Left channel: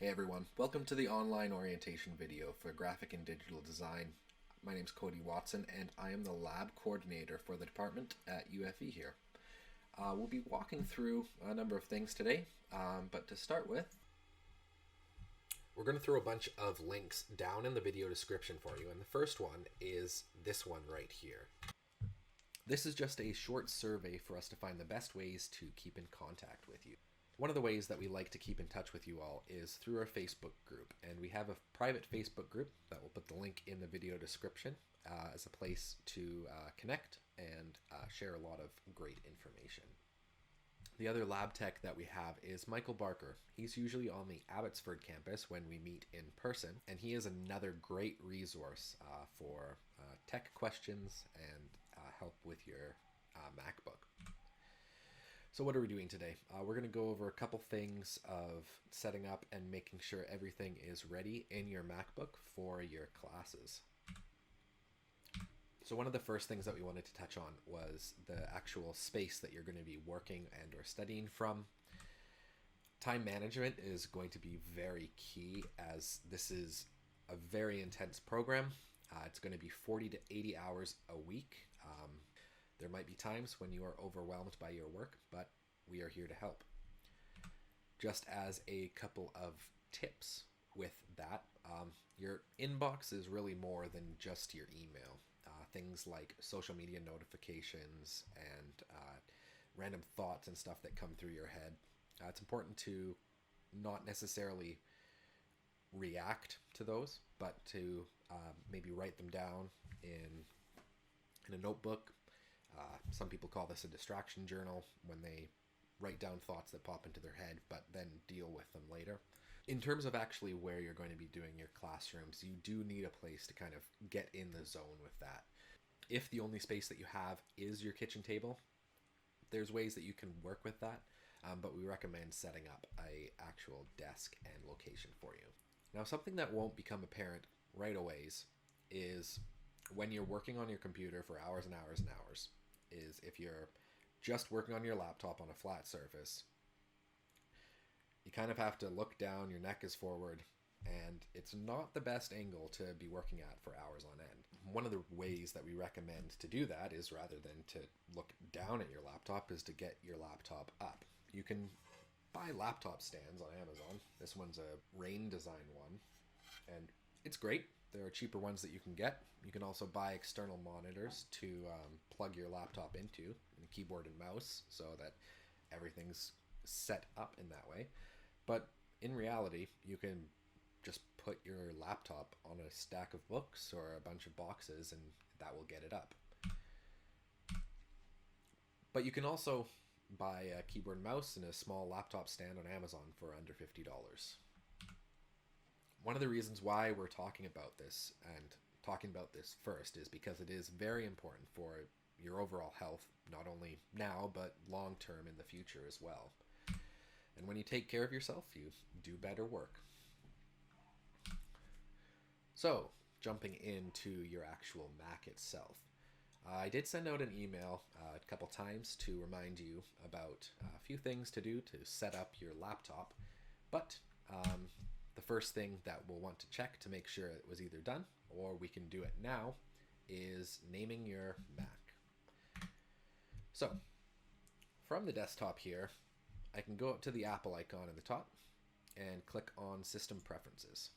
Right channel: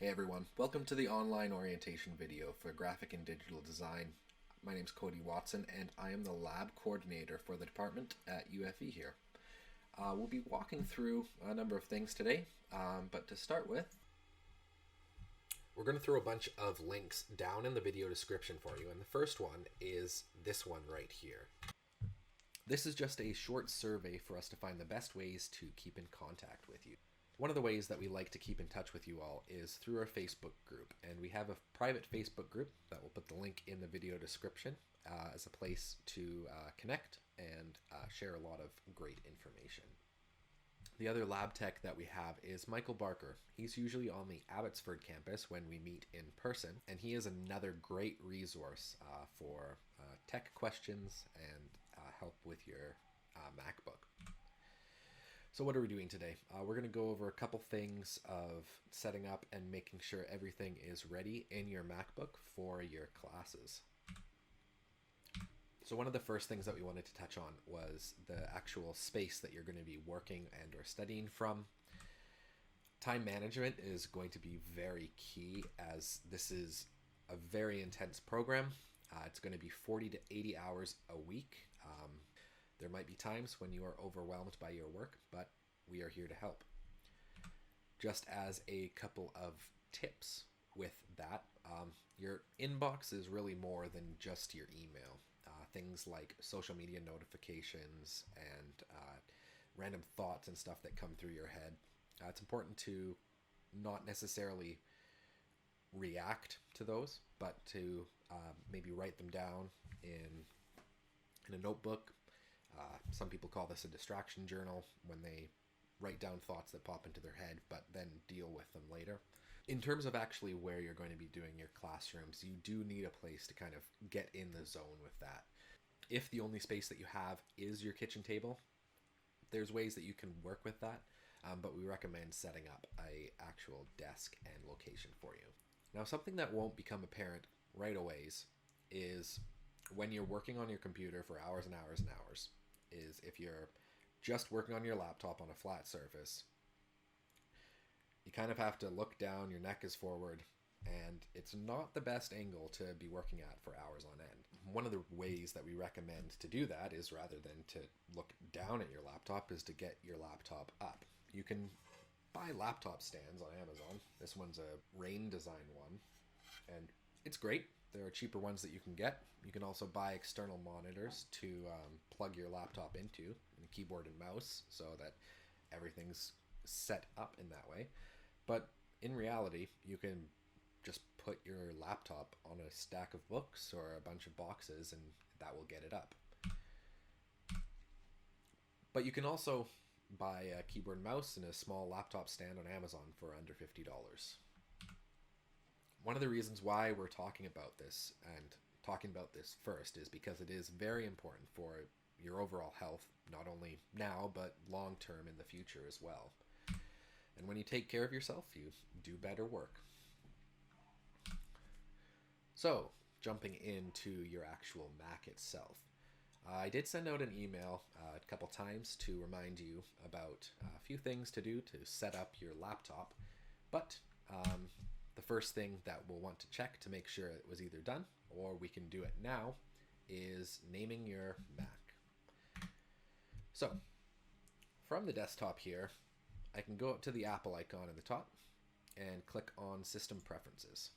Hey everyone, welcome to the online orientation video for graphic and digital design. My name is Cody Watson and I am the lab coordinator for the department at UFE here. We'll be walking through a number of things today, but to start with, we're going to throw a bunch of links down in the video description for you, and the first one is this one right here. This is just a short survey for us to find the best ways to keep in contact with you. One of the ways that we like to keep in touch with you all is through our Facebook group, and we have a private Facebook group that we'll put the link in the video description as a place to connect and share a lot of great information. The other lab tech that we have is Michael Barker. He's usually on the Abbotsford campus when we meet in person, and he is another great resource for tech questions and help with your MacBook. So what are we doing today? We're going to go over a couple things of setting up and making sure everything is ready in your MacBook for your classes. So one of the first things that we wanted to touch on was the actual space that you're going to be working and or studying from. Time management is going to be very key, as this is a very intense program. It's going to be 40 to 80 hours a week. There might be times when you are overwhelmed by your work, but we are here to help. Just as a couple of tips with that, your inbox is really more than just your email. Things like social media notifications and random thoughts and stuff that come through your head. It's important to not necessarily react to those, but to maybe write them down in a notebook. Some people call this a distraction journal, when they write down thoughts that pop into their head, but then deal with them later. In terms of actually where you're going to be doing your classrooms, you do need a place to kind of get in the zone with that. If the only space that you have is your kitchen table, there's ways that you can work with that, but we recommend setting up an actual desk and location for you. Now, something that won't become apparent right away is when you're working on your computer for hours and hours and hours, is if you're just working on your laptop on a flat surface, you kind of have to look down, your neck is forward, and it's not the best angle to be working at for hours on end. One of the ways that we recommend to do that is, rather than to look down at your laptop, is to get your laptop up. You can buy laptop stands on Amazon. This one's a Rain Design one, and it's great. There are cheaper ones that you can get. You can also buy external monitors to plug your laptop into, and a keyboard and mouse, so that everything's set up in that way. But in reality, you can just put your laptop on a stack of books or a bunch of boxes, and that will get it up. But you can also buy a keyboard and mouse and a small laptop stand on Amazon for under $50. One of the reasons why we're talking about this, and talking about this first, is because it is very important for your overall health, not only now, but long term in the future as well. And when you take care of yourself, you do better work. So, jumping into your actual Mac itself. I did send out an email a couple times to remind you about a few things to do to set up your laptop, but the first thing that we'll want to check to make sure it was either done, or we can do it now, is naming your Mac. So, from the desktop here, I can go up to the Apple icon at the top and click on System Preferences.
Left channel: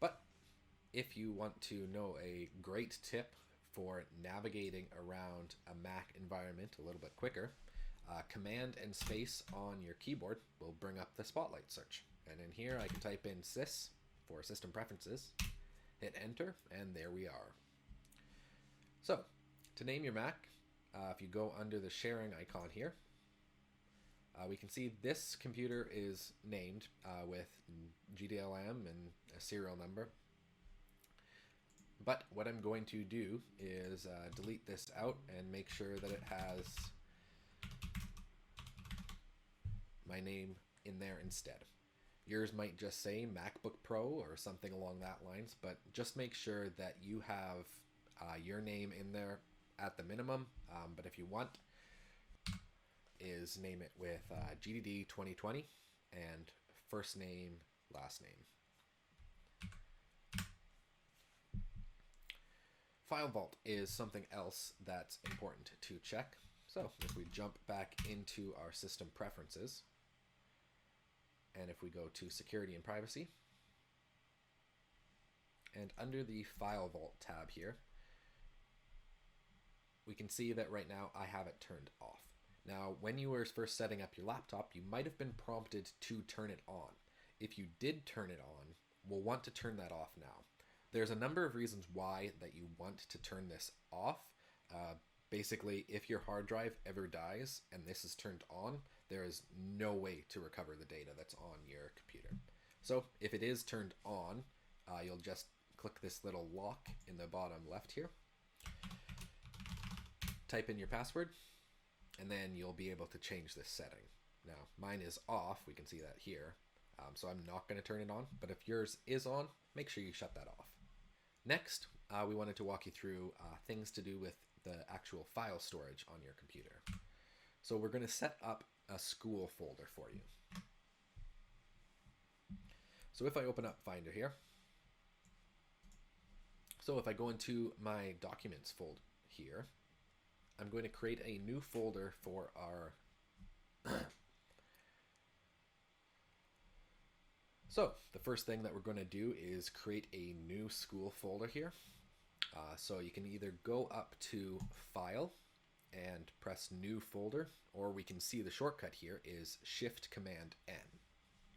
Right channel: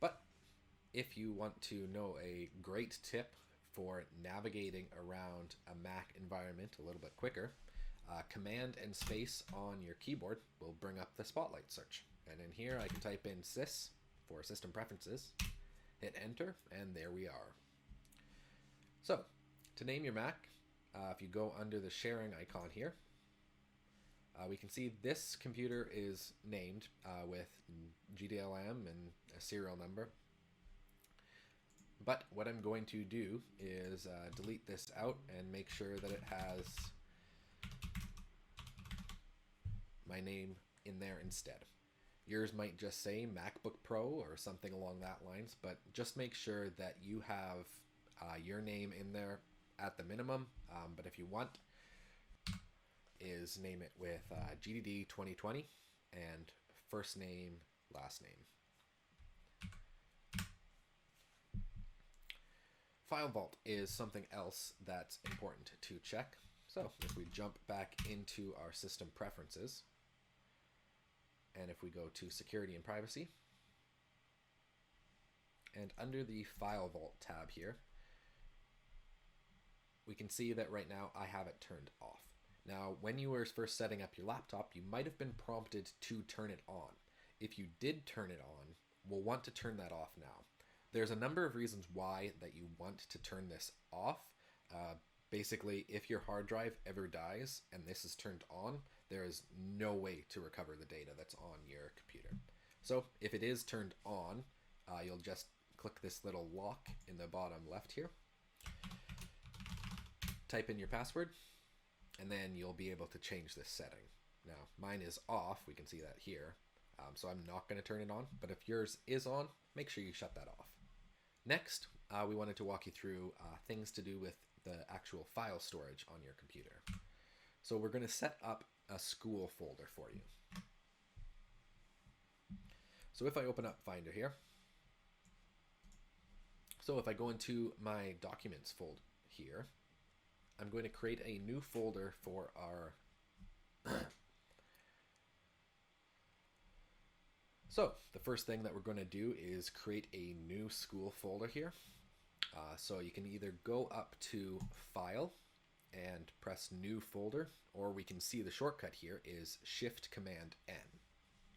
But if you want to know a great tip for navigating around a Mac environment a little bit quicker, Command and space on your keyboard will bring up the Spotlight search. And in here I can type in sys for System Preferences, hit enter, and there we are. So, to name your Mac, if you go under the sharing icon here, we can see this computer is named with GDLM and a serial number. But what I'm going to do is delete this out and make sure that it has my name in there instead. Yours might just say MacBook Pro or something along that lines, but just make sure that you have your name in there at the minimum. But if you want, is name it with GDD 2020 and first name, last name. FileVault is something else that's important to check. So if we jump back into our system preferences, and if we go to security and privacy, and under the FileVault tab here, we can see that right now I have it turned off. Now, when you were first setting up your laptop, you might have been prompted to turn it on. If you did turn it on, we'll want to turn that off now. There's a number of reasons why that you want to turn this off. Basically, if your hard drive ever dies and this is turned on, there is no way to recover the data that's on your computer. So if it is turned on, you'll just click this little lock in the bottom left here, type in your password, and then you'll be able to change this setting. Now, mine is off, we can see that here, so I'm not going to turn it on, but if yours is on, make sure you shut that off. Next, we wanted to walk you through things to do with the actual file storage on your computer. So we're going to set up a school folder for you. So if I open up Finder here, so if I go into my documents folder here, I'm going to create a new folder for our So the first thing that we're going to do is create a new school folder here. So you can either go up to File and press New Folder, or we can see the shortcut here is Shift Command N.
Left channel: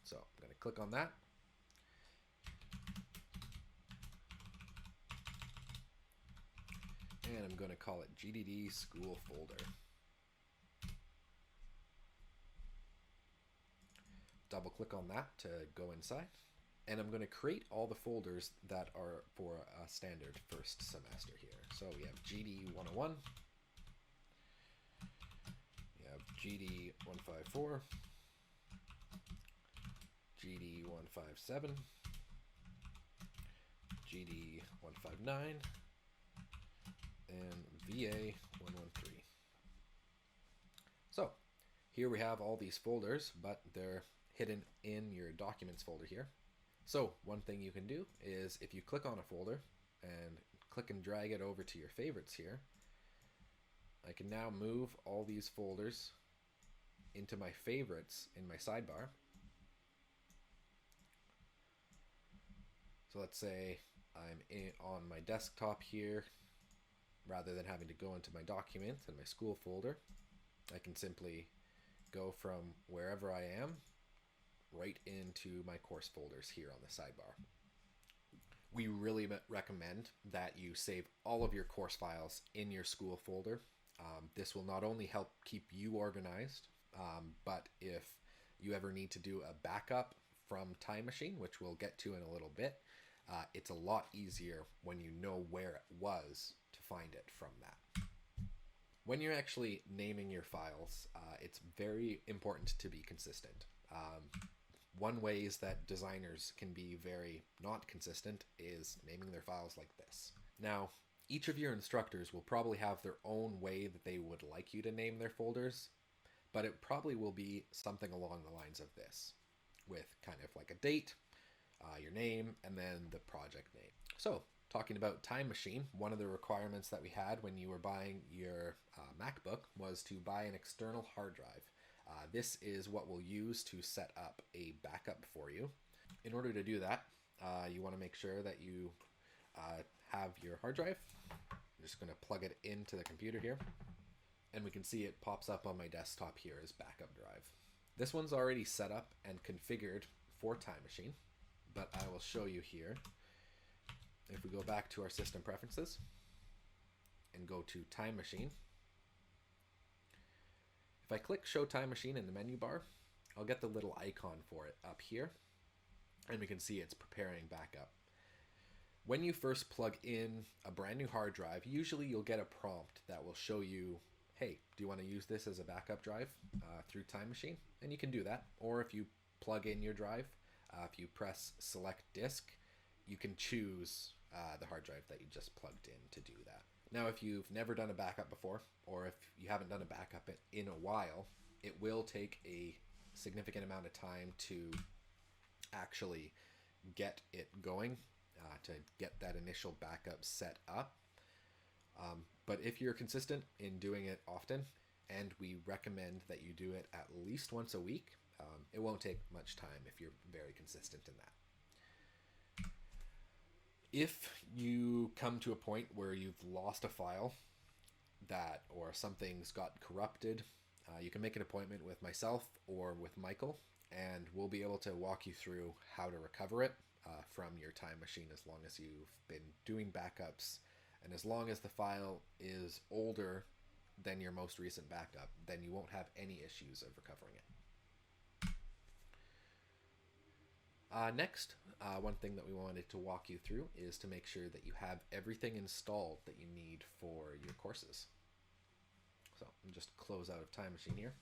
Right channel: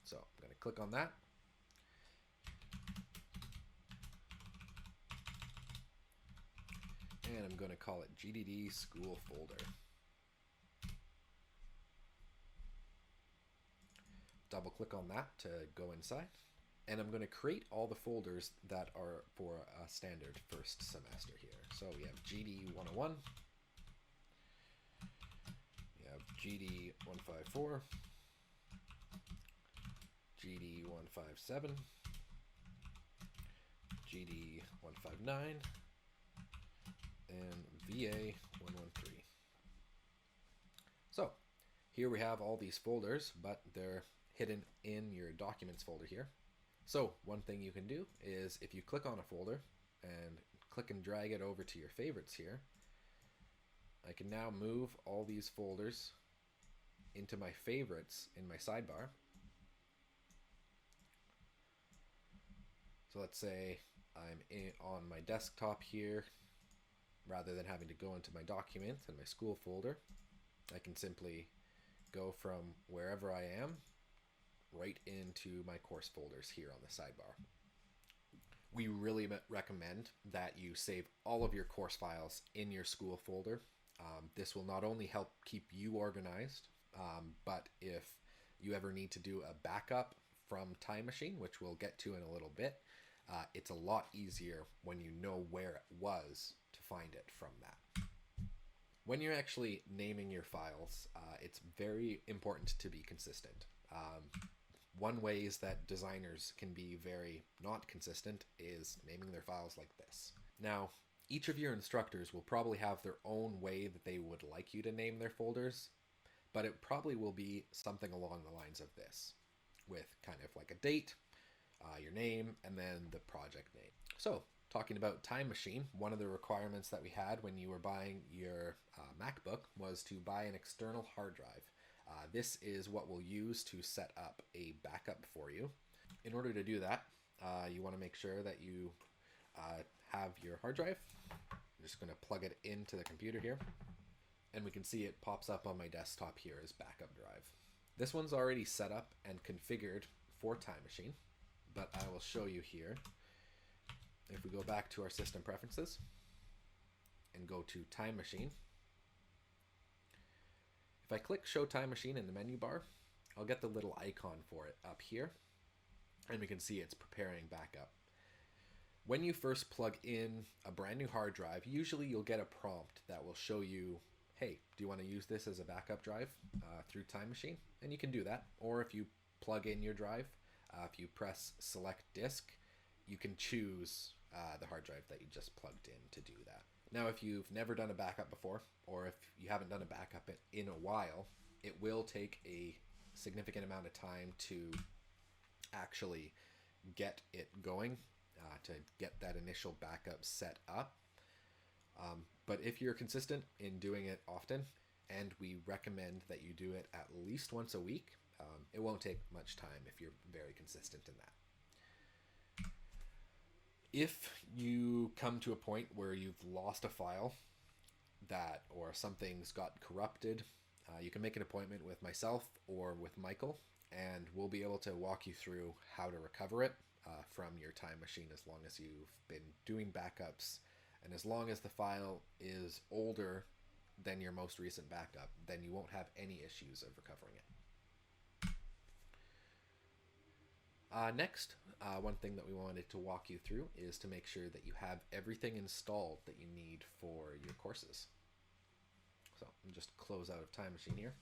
So I'm going to click on that. And I'm going to call it GDD School Folder. Double click on that to go inside, and I'm going to create all the folders that are for a standard first semester here. So we have GD 101, we have GD 154, GD 157, GD 159, and VA 113. So here we have all these folders, but they're hidden in your documents folder here. So one thing you can do is if you click on a folder and click and drag it over to your favorites here, I can now move all these folders into my favorites in my sidebar. So let's say I'm on my desktop here, rather than having to go into my documents and my school folder, I can simply go from wherever I am right into my course folders here on the sidebar. We really recommend that you save all of your course files in your school folder. This will not only help keep you organized, but if you ever need to do a backup from Time Machine, which we'll get to in a little bit, it's a lot easier when you know where it was to find it from that. When you're actually naming your files, it's very important to be consistent. One way is that designers can be very not consistent is naming their files like this. Now, each of your instructors will probably have their own way that they would like you to name their folders, but it probably will be something along the lines of this, with kind of like a date, your name, and then the project name. So, talking about Time Machine, one of the requirements that we had when you were buying your MacBook was to buy an external hard drive. This is what we'll use to set up a backup for you. In order to do that, you want to make sure that you have your hard drive. I'm just going to plug it into the computer here, and we can see it pops up on my desktop here as backup drive. This one's already set up and configured for Time Machine, but I will show you here. If we go back to our system preferences and go to Time Machine, if I click Show Time Machine in the menu bar, I'll get the little icon for it up here, and we can see it's preparing backup. When you first plug in a brand new hard drive, usually you'll get a prompt that will show you, hey, do you want to use this as a backup drive through Time Machine? And you can do that. Or if you plug in your drive, if you press Select Disk, you can choose the hard drive that you just plugged in to do that. Now, if you've never done a backup before, or if you haven't done a backup in a while, it will take a significant amount of time to actually get it going, to get that initial backup set up. But if you're consistent in doing it often, and we recommend that you do it at least once a week, it won't take much time if you're very consistent in that. If you come to a point where you've lost a file or something's got corrupted, you can make an appointment with myself or with Michael, and we'll be able to walk you through how to recover it from your Time machine, as long as you've been doing backups, and as long as the file is older than your most recent backup, then you won't have any issues of recovering it. Next, one thing that we wanted to walk you through is to make sure that you have everything installed that you need for your courses. So I'll just close out of Time Machine here.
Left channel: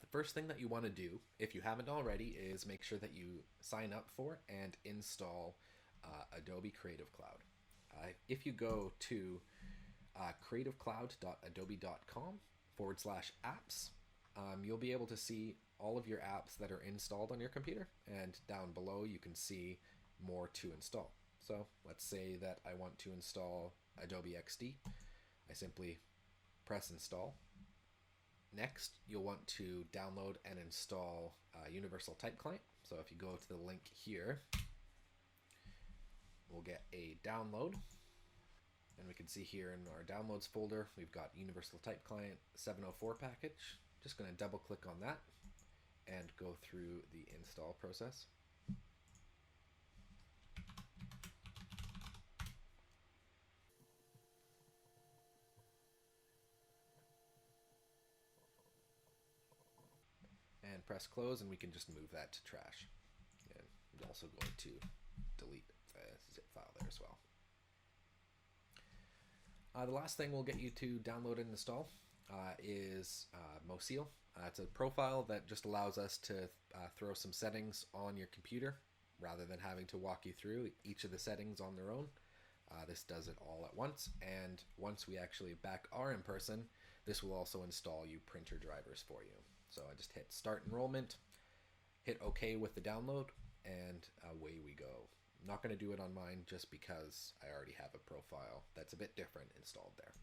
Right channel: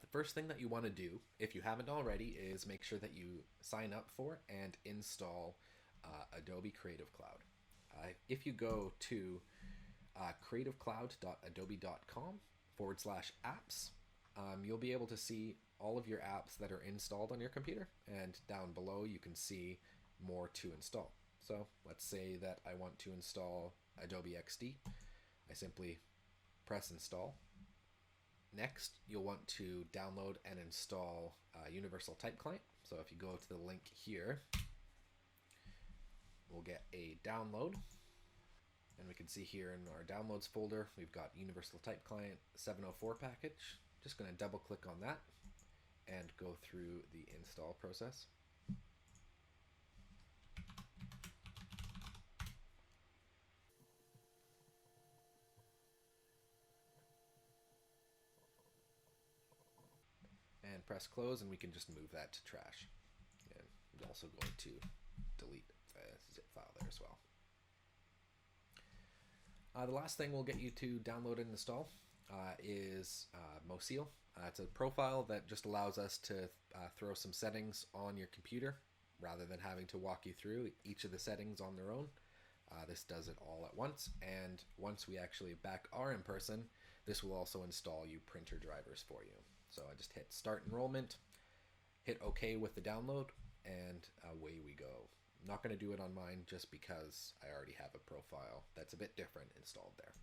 The first thing that you want to do, if you haven't already, is make sure that you sign up for and install Adobe Creative Cloud. If you go to creativecloud.adobe.com/apps, you'll be able to see all of your apps that are installed on your computer, and down below you can see more to install. So let's say that I want to install Adobe XD. I simply press install. Next, you'll want to download and install Universal Type Client. So if you go to the link here, we'll get a download. And we can see here in our downloads folder, we've got Universal Type Client 704 package. Just going to double click on that and go through the install process. And press close, and we can just move that to trash. And we're also going to delete the zip file there as well. The last thing we'll get you to download and install is Moseal. It's a profile that just allows us to throw some settings on your computer rather than having to walk you through each of the settings on their own. This does it all at once, and once we actually back are in person, this will also install you printer drivers for you. So I just hit Start Enrollment, hit OK with the download, and away we go. I'm not going to do it on mine just because I already have a profile that's a bit different installed there.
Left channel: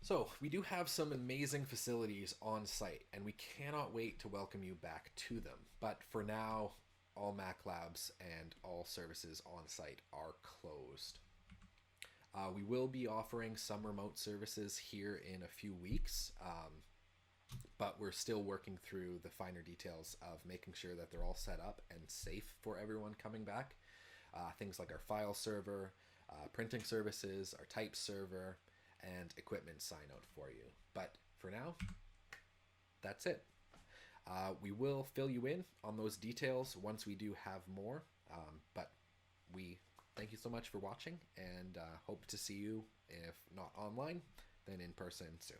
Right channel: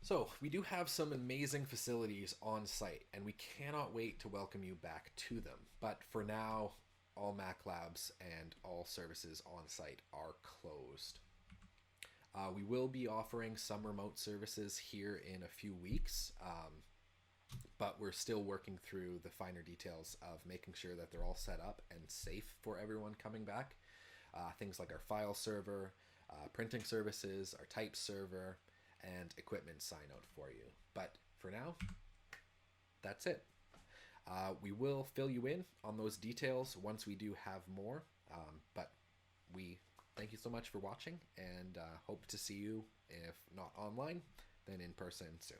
So we do have some amazing facilities on site, and we cannot wait to welcome you back to them. But for now, all Mac labs and all services on site are closed. We will be offering some remote services here in a few weeks, but we're still working through the finer details of making sure that they're all set up and safe for everyone coming back. Things like our file server, printing services, our type server, and equipment sign out for you. But for now, that's it. We will fill you in on those details once we do have more, but we thank you so much for watching, and hope to see you, if not online, then in person soon.